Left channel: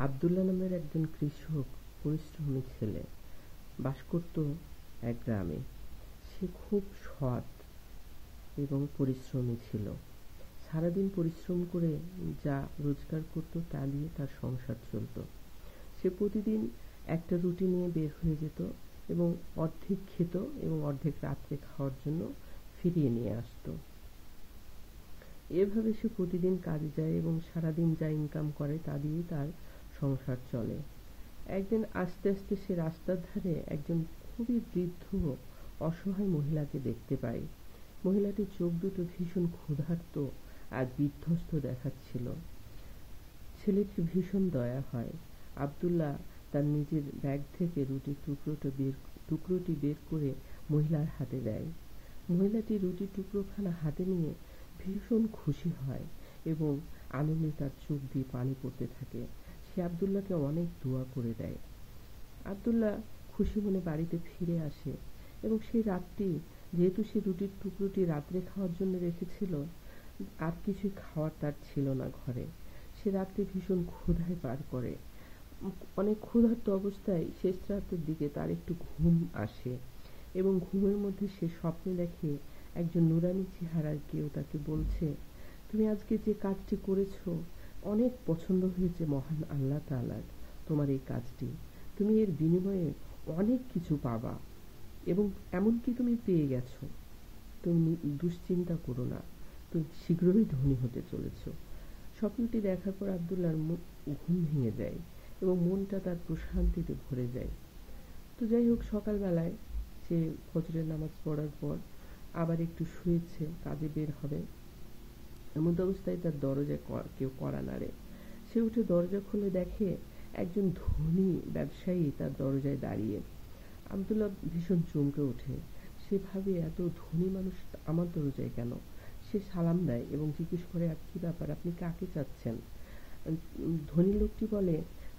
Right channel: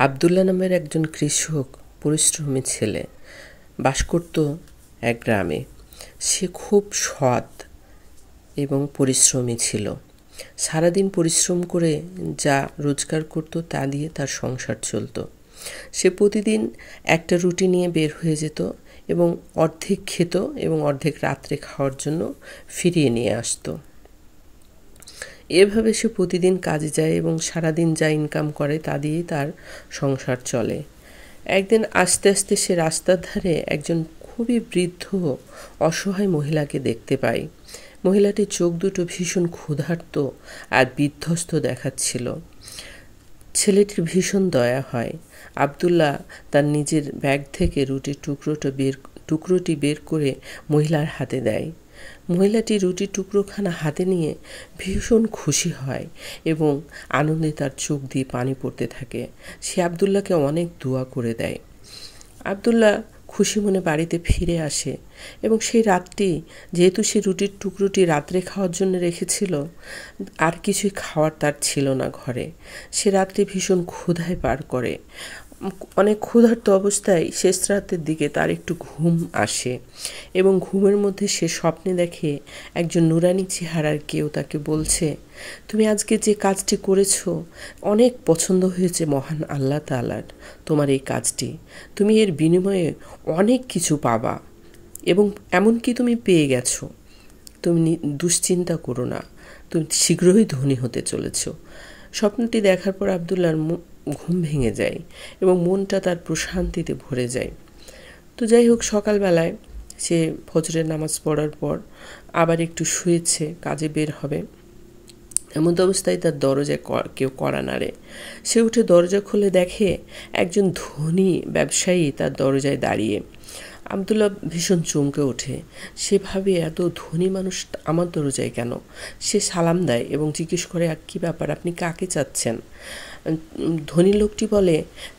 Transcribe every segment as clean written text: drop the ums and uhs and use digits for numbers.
আবদুল্লাহ নামের একজন কৃষক পরিশ্রমী ছেলে বাস করত এক গ্রামে। সে খুব সৎ এবং পরিশ্রমী ছিল। সারাদিন পরিশ্রম করে যা রোজগার করত তা দিয়ে তার সংসার চলত। সে প্রতিদিন একটা রুটি নিয়ে বের হয়ে যেত এবং অর্ধেক খেত এবং অর্ধেক রাত্রে খাওয়ার জন্য ফিরিয়ে নিয়ে আসতো। এভাবে সে প্রতিদিন কাজে যায় এবং সারাদিন যা ইনকাম করে তা দিয়েই তার সংসার চলে। একদিন আস্তে আস্তে সে রাস্তার ধারে একজন খুবই বৃদ্ধ অসহায় মহিলাকে দেখতে পায়। মহিলাটির চোখ দুটো ভীষণ ক্ষুধার্ত আর বিধ্বস্ত দেখাচ্ছিল। ছেলেটির ভীষণ দয়া হয়। আবদুল্লাহ তার নিজের ব্যাগ থেকে রুটির টুকরোটি বের করে মহিলার হাতে দেয়। মহিলাটি রুটির টুকরোখানা হাতে নিয়ে ভীষণ খুশি হয় এবং আনন্দে তার চোখ দিয়ে পানি পড়তে থাকে। সে আবদুল্লাহকে অনেক দোয়া করে দেয়। আবদুল্লাহ খুশি মনে বাড়িতে ফিরে আসে এবং সেই রাতটি, যেহেতু সে রুটির টুকরোটি রাত্রে খাওয়ার জন্য রেখেছিল, আর কিছুই খাওয়ার তার ছিল না ঘরে। সে রাত্রি ভীষণ ক্ষুধায় পার করে। অনেক ক্ষুধার্ত অবস্থায় শেষ রাতের দিকে তার একটু ঘুম আসে এবং ঘুমের মধ্যে সে স্বপ্নে দেখে একজন নুরানি চেহারার কেউ তাকে বলছে, তুমি আজকে যে কাজটি করেছো অনেক পছন্দ হয়েছে মহান আল্লাহ তাআলার তোমার এই কাজটি। তুমি এর বিনিময়ে অনেক কিছু পাবা এবং এমনকি তুমি পেয়ে গেছো। তুমি দুশ্চিন্তা করো না, তুমি শীঘ্রই ধনী হতে চলেছ। স্বপ্নটি দেখার পর আবদুল্লাহর ঘুম ভেঙে যায় এবং মনটা তার প্রশান্তিতে ভরে যায়। তো যাই হোক, সকালবেলায় সে ফজরের নামাজ পড়ার পর আবার একটু শুয়েছে, কাজে বের হবে। এমন অবস্থায় তার দরজায় কেউ কড়া নাড়ে। সে উঠে দরজা খুলে দেখে একজন ধনী ব্যবসায়ী তার দরজায় দাঁড়িয়ে। আবদুল্লাহ ভীষণ চমকে ওঠে। সে ভাবে, এত ধনী মানুষ আমার দরজায় কেন? সে সালাম দেয় এবং জিজ্ঞেস করে, কী ব্যাপার, আপনি কাকে চাচ্ছেন? ধনী লোকটি বলে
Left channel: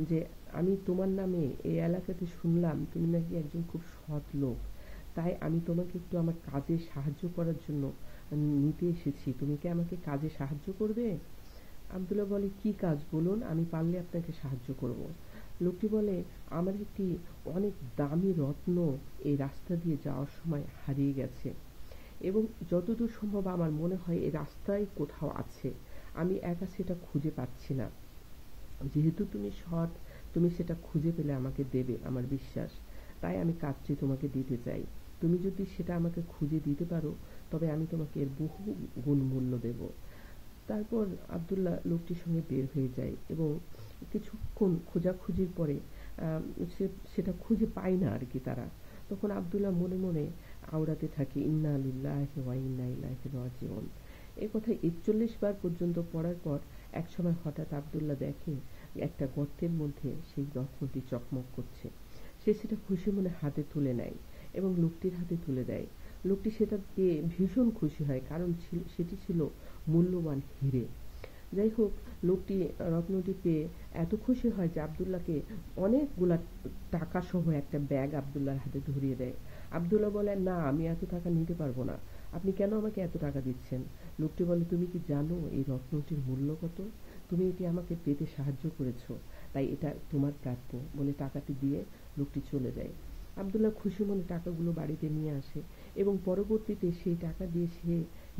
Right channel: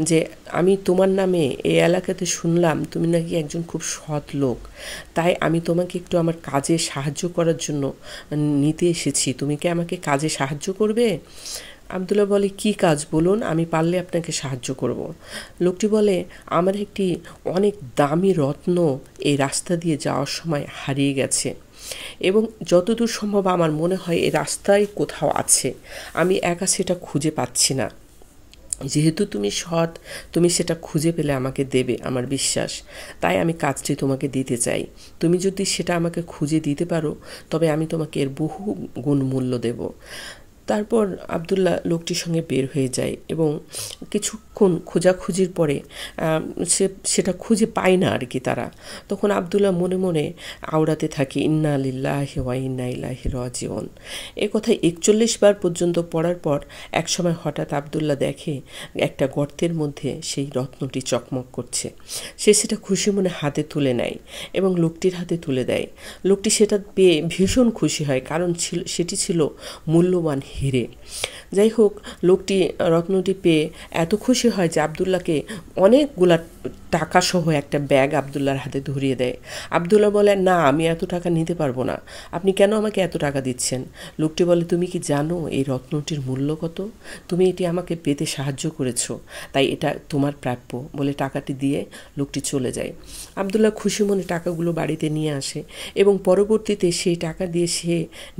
যে, আমি তোমার নামে এই এলাকাতে শুনলাম তুমি নাকি একজন খুব সৎ লোক, তাই আমি তোমাকে একটু আমার কাজে সাহায্য করার জন্য নিতে এসেছি। তুমি কি আমাকে কাজে সাহায্য করবে? আবদুল্লাহ বলে, কি কাজ বলুন, আমি পারলে আপনাকে সাহায্য করব। লোকটি বলে, আমার একটি অনেক দামি রত্ন এই রাস্তা দিয়ে যাওয়ার সময় হারিয়ে গেছে এবং যতদূর সম্ভব আমার মনে হয় এই রাস্তায় কোথাও আছে। আমি একা সেটা খুঁজে পাচ্ছি না। যেহেতু তুমি সৎ, তুমি সেটা খুঁজে পেলে আমাকে দেবে, আমার বিশ্বাস। তাই আমি কাজটি তোমাকে দিতে চাই। তুমি যদি সেটা আমাকে খুঁজে দিতে পারো তবে আমি তোমাকে এর বহু গুণ মূল্য দেব। তারপর আবদুল্লাহ লোকটির সঙ্গে বের হয়ে যায় এবং কিছুক্ষণ খোঁজাখুঁজির পরে সেটা খুঁজে পায় না আর কি তারা। তখন আবদুল্লাহ মনে মনে আওড়াতে থাকে, ইন্না লিল্লাহি ওয়া ইন্না ইলাইহি রাজিউন। এ কথা ৪১ বার পর্যন্ত পড়ার পর একসময় হঠাৎ আবদুল্লাহ দেখে একটা গর্তের মধ্যে সেই রত্নটি চকমক করছে। সে সেটা খুশি মনে হাতে তুলে নেয় এবং লোকটির হাতে তুলে দেয়। লোকটি সেটা পেয়ে ভীষণ খুশি হয়, কারণ সেটি ছিল মূল্যবান হিরে। যাই হোক, লোকটি রত্নটি পেয়ে এত খুশি হয় যে আবদুল্লাহকে অনেকগুলা টাকা সহ একটা ব্যাগ আবদুল্লাহর হাতে ধরিয়ে দেয়। আবদুল্লাহ বলে, না, আমি এত টাকা নিতে পারবো না। আপনি কেন আমাকে এত টাকা দিচ্ছেন? লোকটি বলে, তুমি কি জানো এই রত্নটির মূল্য কত? তুমি এটি আমাকে পেতে সাহায্য করেছো, তাই এটা তোমার প্রাপ্য বলে টাকাটি দিয়ে লোকটি চলে যায়। আবদুল্লাহ খুশি মনে টাকাগুলো বাড়িতে নিয়ে আসে এবং পরবর্তীতে সেই টাকা দিয়ে সে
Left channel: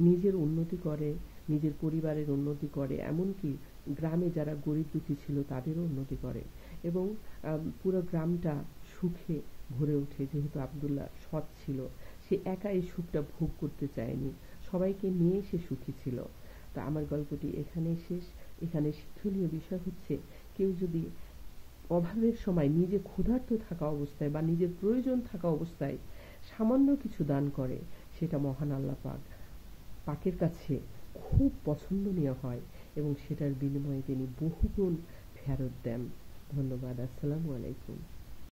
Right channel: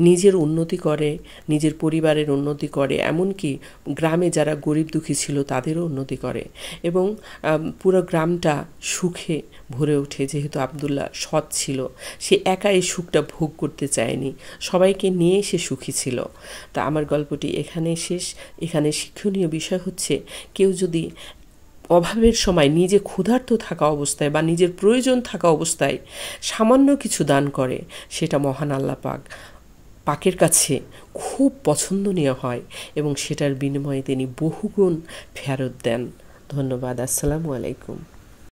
নিজের উন্নতি করে, নিজের পরিবারের উন্নতি করে, এমনকি গ্রামে যারা গরিব দুঃখী ছিল তাদেরও উন্নতি করে এবং পুরো গ্রামটা সুখে ভরে ওঠে। যেহেতু আবদুল্লাহ সৎ ছিল, সে একা এই সুখটা ভোগ করতে চায়নি, সবাইকে নিয়ে সে সুখী ছিল। তা আমার গল্পটি এখানে শেষ। এখানে শিক্ষণীয় বিষয় হচ্ছে, কেউ যদি অভাবের সময় নিজে ক্ষুধার্ত থাকা অবস্থায় বা নিজের প্রয়োজন থাকা অবস্থায় সামান্য কিছু দান করে, সেটা মহান আল্লাহ পাকের কাছে খুব পছন্দনীয় হয় এবং সেটার বিনিময়ে তিনি বহুগুণ ফেরত দেন। ধন্যবাদ। আসসালামু আলাইকুম।